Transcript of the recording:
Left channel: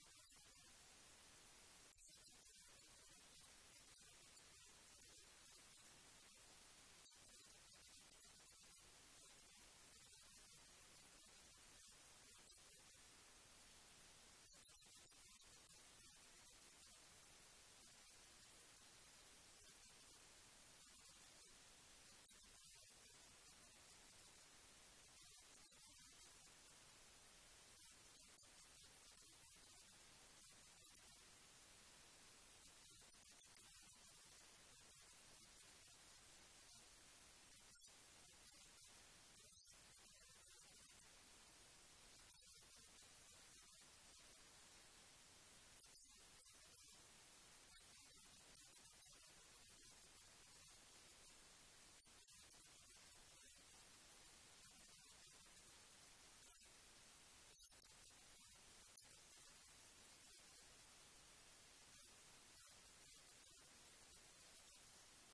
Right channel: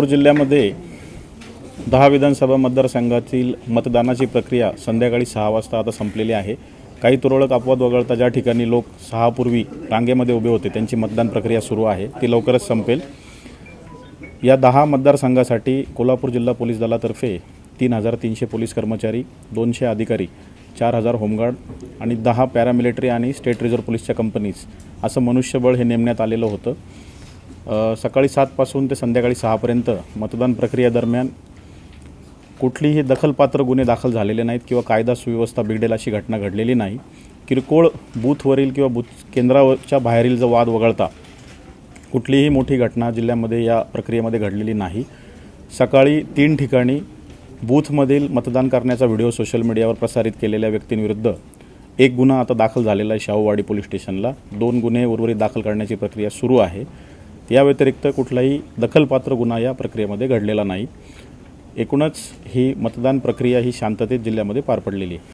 कोल्हापूर जिल्ह्यामध्ये 10 विधानसभा मतदारसंघातील मतदानाची प्रक्रिया संध्याकाळी 6 वाजता आता संपलेली आहे। काही तुरळक अपवाद वगळता ज्या ठिकाणी लोक 6 पूर्वी रांगेमध्ये उभे होते त्यांची मतदान प्रक्रिया सुरू आहे, ती लवकरच संपेल। या 10 मतदारसंघासाठी कोल्हापूर जिल्हा पोलीस दलातर्फे 3300 पोलीस कर्मचारी, 200 अधिकारी, 4000 होमगार्ड आणि 10 पॅरामिलिटरी आणि स्टेट रिझर्व्ह पोलीसच्या कंपनीज असं मनुष्यबळ हे नेमण्यात आलेलं होतं। सकाळी 7 पासून ते संध्याकाळी 6 पर्यंत मतदान प्रक्रियेदरम्यान कुठलीही दखलपात्र गुन्हे दाखल झालेले नाहीत किंवा कायदा सुव्यवस्था बिघडेल अशी घटना घडलेली नाही। किरकोळ बूथवरील किंवा बूथ केंद्राच्या बाहेरील जो वाद वगळता कुठलीही मोठी घटना जिल्ह्यामध्ये या प्रक्रियेमध्ये घडलेली नाही। सकाळी 3 ठिकाणी बूथमधील मतदान करण्याचा व्हिडिओ सोशल मीडियावर प्रसारित केलेल्या व्यक्तींविरुद्ध एक गुन्हा आता दाखल झालेला आहे शाहूवाडी पोलीस स्टेशनला। 2 गुन्हे उर्वरित दाखल करण्याची प्रक्रिया सुरू आहे। या व्यतिरिक्त कुठलाही दखलपात्र गुन्हा या प्रक्रियेमध्ये घडलेला नाही। एकूणच ही मतदान प्रक्रिया ही शांततेत जिल्ह्यामध्ये पार पडलेली आहे।